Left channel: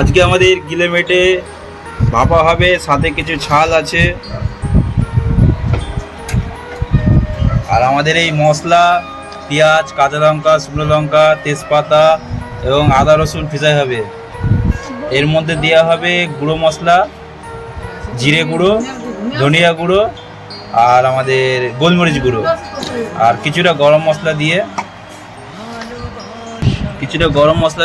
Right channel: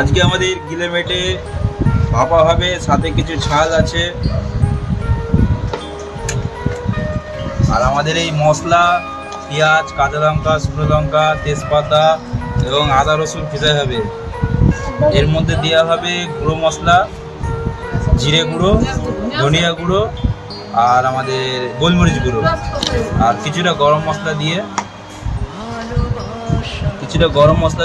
আজকে আমাদের গিলে মেটে ভাপা হবে, সাথে কিছু ঝাল আছে। আর আমাদের এই মশলা পেঁয়াজ, কাঁচা লঙ্কা, শুকনো লঙ্কা, তেজপাতা এবং আদা রসুন ভেজা হবে। এর মধ্যে দেওয়া হবে গুঁড়ো মশলা, জিরে গুঁড়ো, ধনিয়া গুঁড়ো আর আমাদের গোলমরিচ গুঁড়ো, আর কিছুটা গরম মশলা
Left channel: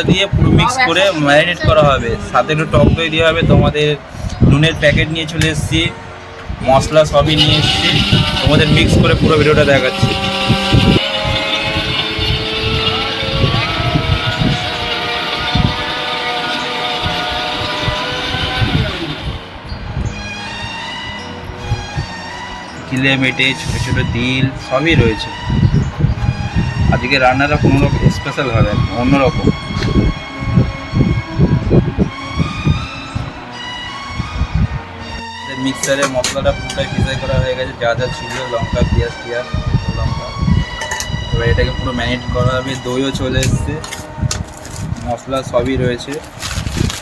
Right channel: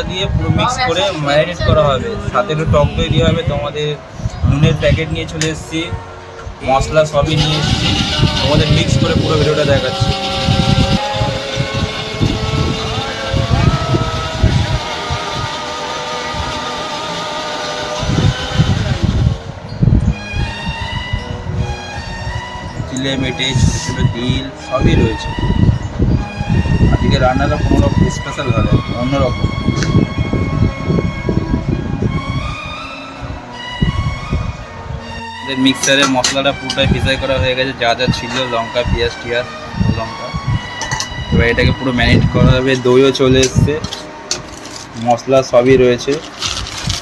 দিয়ে পুরো মিক্স করে ম্যারিনেট করা হবে। সাথে একটু টক দই দেওয়া হবে। তোমাদের নুনের প্যাকেট নিয়ে চলে এসেছি, মশলা সবই নিয়ে এসেছি, তোমাদের মিক্স করে পুরো ভিডিওটা দেখাচ্ছি। গিলে মেটে ছোটো ছোটো দিল সবই রয়েছে। আজকে রান্নাটা কোনো রকম স্পেশাল হবে, অন্যরকম। মিক্সারে মশলাটা পুরোটাই ফ্রাই করা হয়ে গেছে, যা যা ছিল লঙ্কা, পেঁয়াজ টিয়াজ, লঙ্কা। এবার এটাকে পুরো ম্যারিনেট করা হবে। দইও চলে এসছে, মশলা সবই রয়েছে,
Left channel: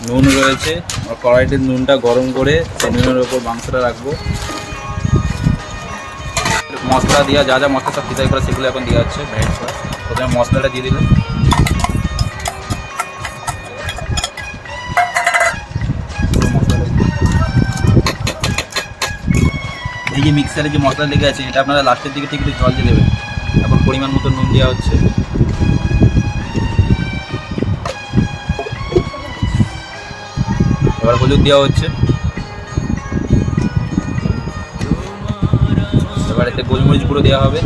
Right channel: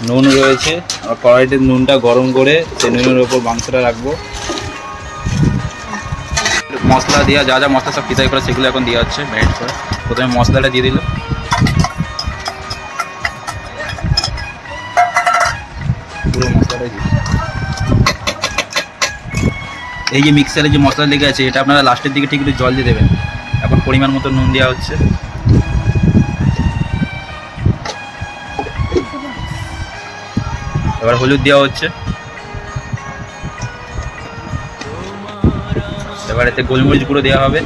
নুন রয়েছে। আর কড়াইতে নুনটা গরম করে সেই নুনের ওপর মাংসটা রাখবো। মশলা দেওয়া, যা যা মশলা সব ফ্রাই করা সেগুলো এখন দেওয়া হচ্ছে ম্যারিনেট করে। প্রথমে মশলাটা দিয়ে দিল, পুরো মশলাটাই দিয়ে। এই যে মিক্সারে যে মশলা লেগে আছে, এটা আপনারা লাস্টের দিকে ঠিক একটু জল দিয়ে দেবেন। এখন পরিমাণ মতো নুন দেওয়া হচ্ছে, এবার হলুদ দেওয়া হচ্ছে, এবার এতে গোলমরিচ গুঁড়ো দেওয়া হবে।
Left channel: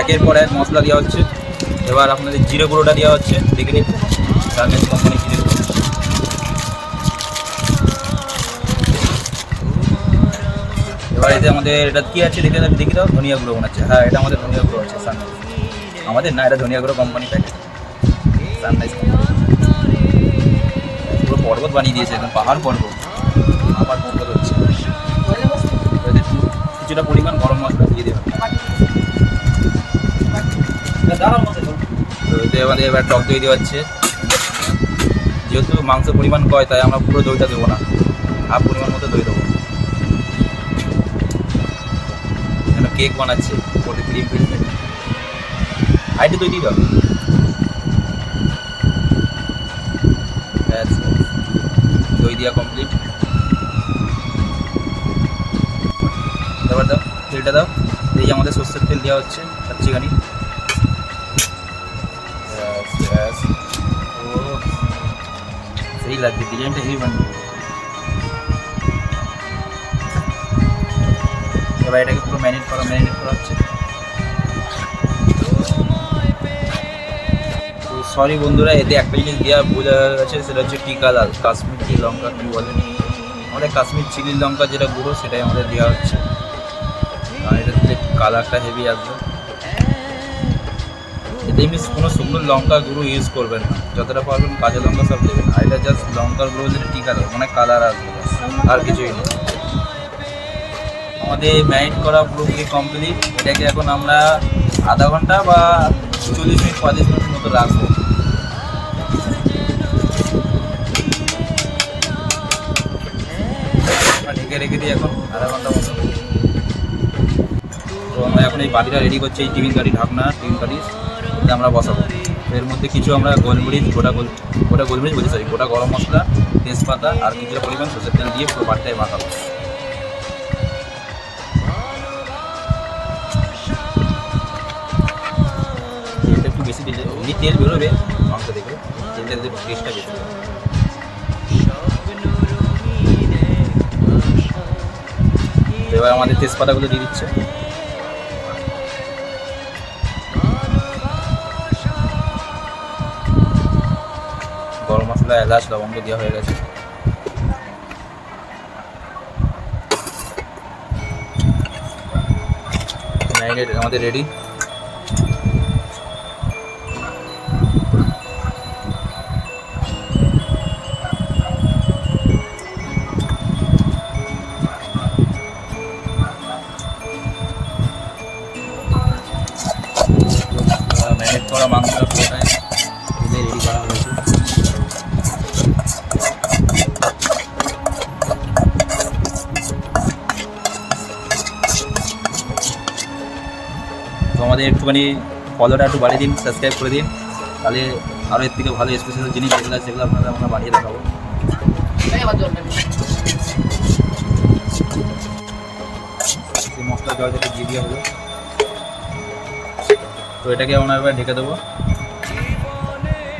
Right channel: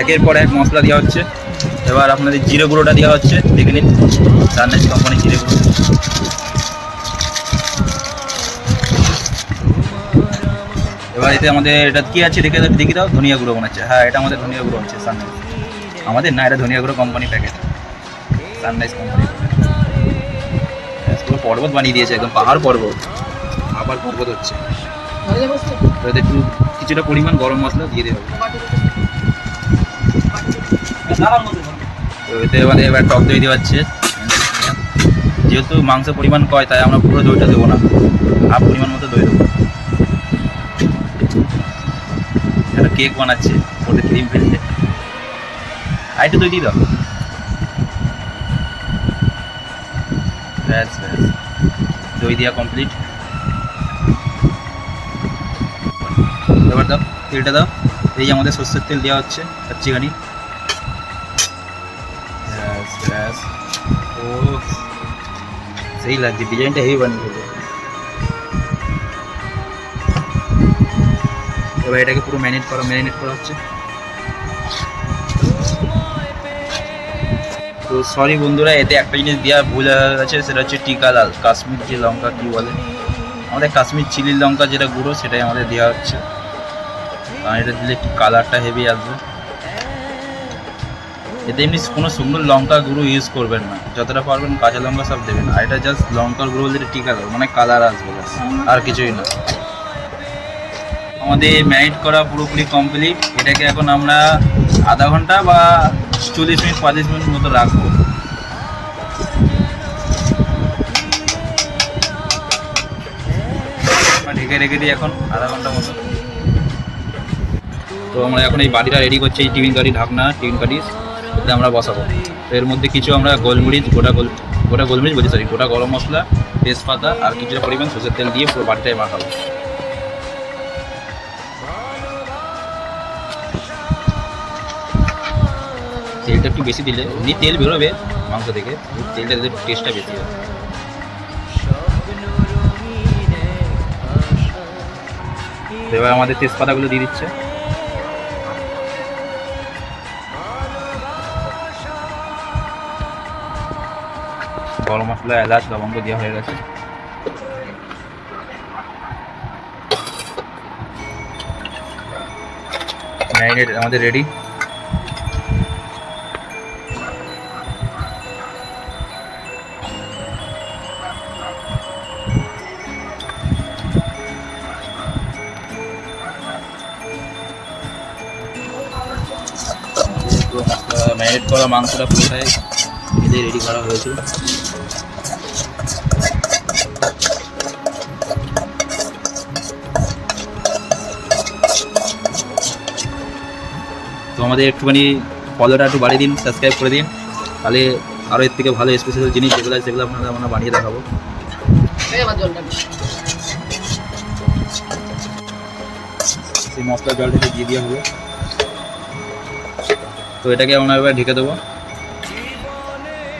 একের পর এক মশলা দেওয়া হচ্ছে। এবার আপনাদের জিরে গুঁড়োটা দেওয়া হচ্ছে, দেখে নিন, রান্নাজ কোম্পানি জিরে গুঁড়ো। এবার এতে আমাদের এটা কি আছে দেখি দাও, ধনিয়া গুঁড়ো মনে হচ্ছে। হ্যাঁ, এটা আমাদের ধনিয়া গুঁড়ো আছে, সানরাইজ আমাদের না, এটা ধনিয়া গুঁড়ো কোম্পানি প্যাকেট, সানরাইজ কোম্পানি। পুরো পর্বত বানিয়ে দিয়েছে, একদম পাহাড় পর্বত, আবার পর্বত হচ্ছে। তো এতে একটু কিছুটা পরিমাণ গরম মশলা দিয়ে দেবে। তো এতে আমাদের এবার টক দই দেওয়া হচ্ছে। যেহেতু মাংস পরিমাণ কয়, তাই আমরা পুরো দইটা দেবো না, হাফ পরিমাণ মতো দই দেবো। একটা কেক বানাচ্ছে, ওতে ক্রিম ফেলছে, আইটু দই দিয়ে দাও। ব্যাস ব্যাস, দই দেওয়া কমপ্লিট। এবার দাও, তেলটা দাও। এই যে আমাদের সর্ষের তেল দেওয়া হচ্ছে কাচ্চিখানি। ব্যাস ব্যাস, ও সেই লাগছে, ডিজাইনটা হেভি বানিয়ে। এবার এটাকে পুরো ম্যারিনেট করা হচ্ছে। তো সরি বন্ধুরা, এতে একটা জিনিস দেওয়া ভুল হয়ে গেছে, সেটা হচ্ছে টিকা লাল, কাশ্মীর যে লঙ্কা কী বলে, আমাদের কাশ্মীর চিলির লঙ্কা যেটা গুঁড়ো, সেটাই আমাদের দেওয়া হচ্ছে। কারণ এটা দিলে একটু কালারটা হেভি আসবে। এতে এমনি কোনো শুকনো লঙ্কা গুঁড়ো ইউজ করবেন না, যতটা পারবেন কাঁচা লঙ্কা সব দেবেন। আর এটা জাস্ট লঙ্কার গুঁড়ো বলতে টিকা লাল, মানে কালার আসবে, আর কিছুই না। আমাদের ম্যারিনেট করা পুরোপুরি কমপ্লিট। এটাকে এখন আমরা আধা ঘন্টা বা 40 মিনিট 35 মিনিট মতো রাখবো। ঢেকে রেখে দিই এখন আধা ঘন্টা মতো। তো আমরা এখন এই বাটিটা রেডি করছি, এই টিফিন কারি ঢাকনা, টিফিন কারি এতে আমরা বসাবো। তো এর মধ্যে কিছু আমরা গোলমরিচ, গোটা গোলমরিচ বলছি, সরি, গোটা গরম মশলা, তেজপাতা আর কিছুটা পরিমাণ সরষের তেল দিয়ে পুরো বাটিটায় মাখাবো। তেলটা একটু বেশি দিলে, এমনি তেল বেরোবে মাংস থেকে, তেলটা দিলে টেস্টটা বেশি হবে। এবার আমাদের তেজপাতাগুলো দিয়ে দিচ্ছে। গরম মশলা, এলাচ, লবঙ্গ দেওয়া হয়ে গেছে। ম্যারিনেট আমাদের রেডি। ম্যারিনেট করা মাংসটা পুরোটাই ভেজে রেডি করা হয়েছে। তো আমাদের একটুখানি ফলোটা একটু বাড়িয়ে দিন, সাবস্ক্রাইব করে দিন, তাহলে আরও এর থেকে ভালো স্পেশাল জিনিস যেগুলো আছে সেগুলো আপনারা আমরা বানিয়ে দেখাবো। এই মশলা জলটাকে দিয়ে দেওয়া হবে। তো এটাকে আমরা এবার ঢেকে দেবো।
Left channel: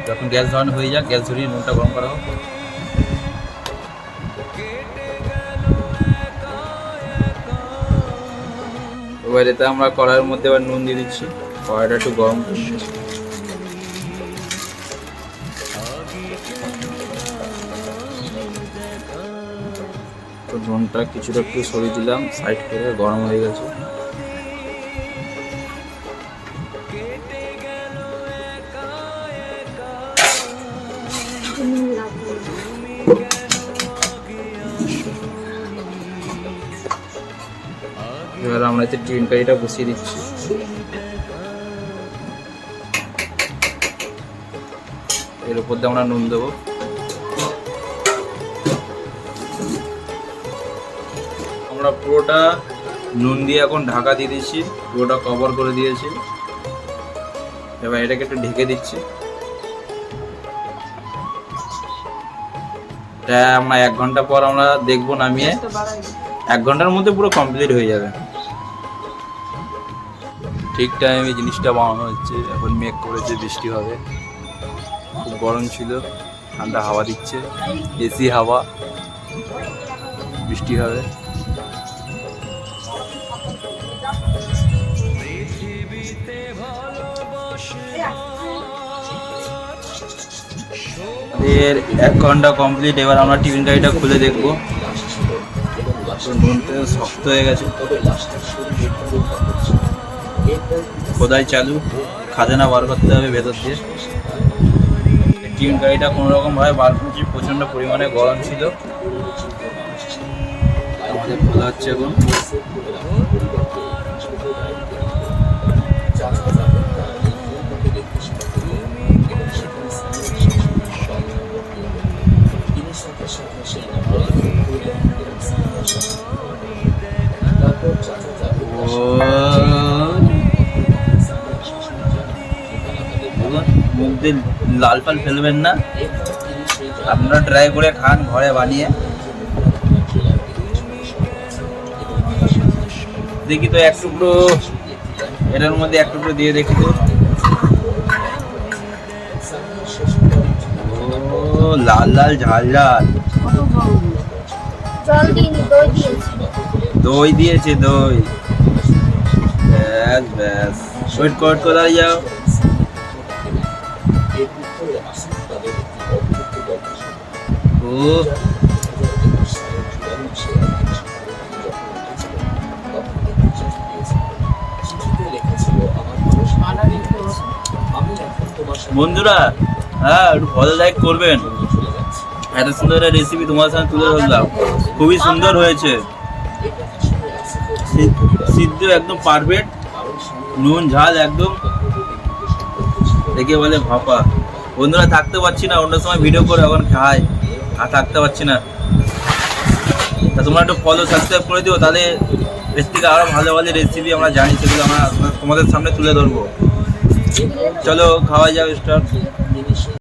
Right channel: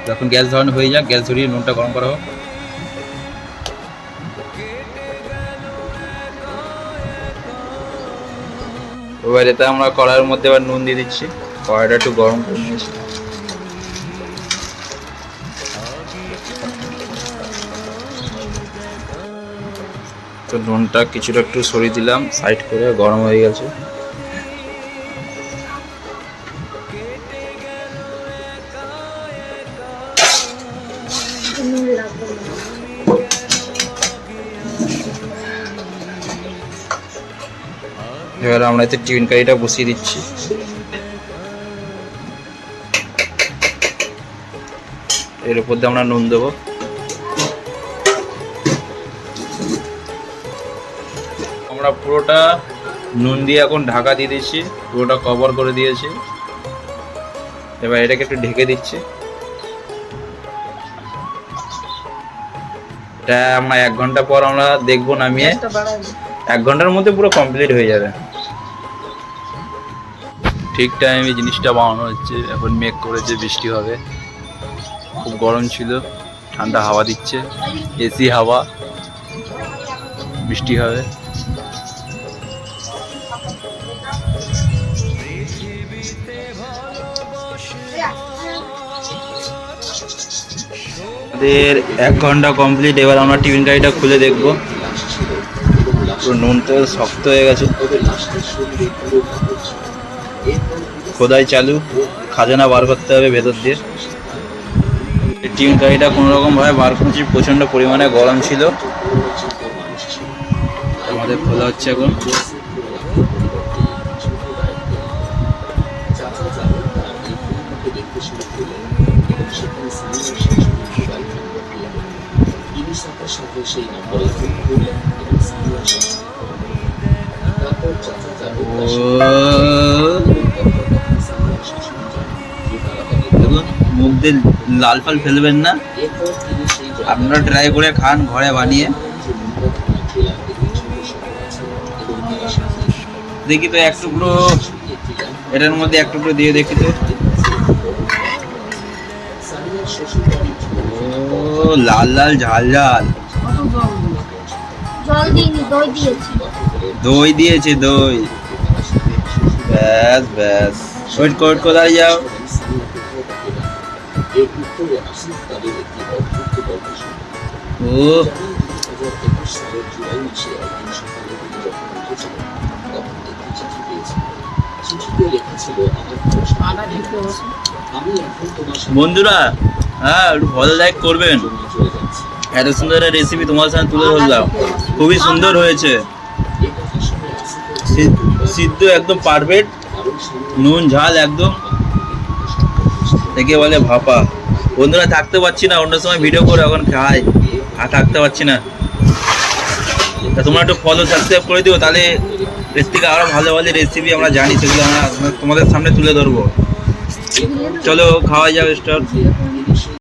যখন গ্যাস ধরানো হয়ে যাক, গ্যাস ধরিয়ে নুনটা গরম করা হোক। এবার এতে আমরা কড়াইয়ের মধ্যে এবার নুন দিয়ে দিচ্ছি। কড়াইটা একটু গরম করে নিচ্ছি। তো নুনটা কিছুটা একটু সরিয়ে দিলাম সাইড করে, গরম হয়ে গেছে। এবার আমরা এতে চিকেন কারিটা বসিয়ে দিচ্ছি। এর উপর দিয়ে আমরা নুন দেবো। আমরা পুরোটা নুন দিয়ে এখন ঢাকা দিয়ে দিচ্ছি, পুরোটা কভার করে দিয়েছি। এবার এটাকে একটু ঢেকে দিচ্ছি। এটা আমরা 1 ঘন্টা পর আমরা দেখবো নামিয়ে। 1 ঘন্টার মধ্যে পুরো কমপ্লিট হয়ে যাবে। ঠিক টাইমে জিনিসটা বানানো হচ্ছে। এখন মেঘ করেছে, বৃষ্টি হবে। খুব গরম ছিল, ঠান্ডা হাওয়া দিচ্ছে, এসি হাওয়া, বৃষ্টি হবে। আমাদের 1 ঘন্টা কমপ্লিট। এবার আমরা টিফিন কারিটা খুলে দেখবো। নুনটা শক্ত হয়ে গেছে, খোদাই চালু, খাজানা বার করতে হবে ভেতর দিয়ে। টিফিন কারিটা কোনো রকম ভাবে বার করছি, প্রচন্ড পরিমাণে গরম ছিল। আমাদের খোলা হচ্ছে এখন। মুখ দিয়ে লাল ফাল ফেলবেন না, আপনারা ট্রাই করে খান ঘরে বানিয়ে। দেখি তো এক টুকরো এটার মধ্যে, এক টুকরো দিয়ে দেখি তো। ও লাল লাল ঝাল ঝাল। দই দিয়েছে, দই। ব্যাস ব্যাস, ওয়েট করে দাঁড়িয়ে যাও। ও বন্ধুরা, হ্যাঁ একটু ভালো লাইক করবেন। এত সুন্দর একটা রেসিপি তোমার সামনে তুলে ধরলাম, খুবই সুন্দর হয়েছে। সিদ্ধ একদম পারফেক্ট, নুন ঝাল একদম, দেখে বলে ভাপা। বন্ধুরা থাকতে পারছি না, অন্য সময় ভিডিও করে এখন খাই, আর থাকতে পারছি না। তা তোমরা একটু ফলো সাবস্ক্রাইব করে দিও, তাহলে এর থেকে আরও ভালো ভালো রেসিপি আমরা জানি, সেগুলো আমরা তোমাদের সামনে তুলে ধরবো। চলো খাওয়া যাক, স্টার্ট।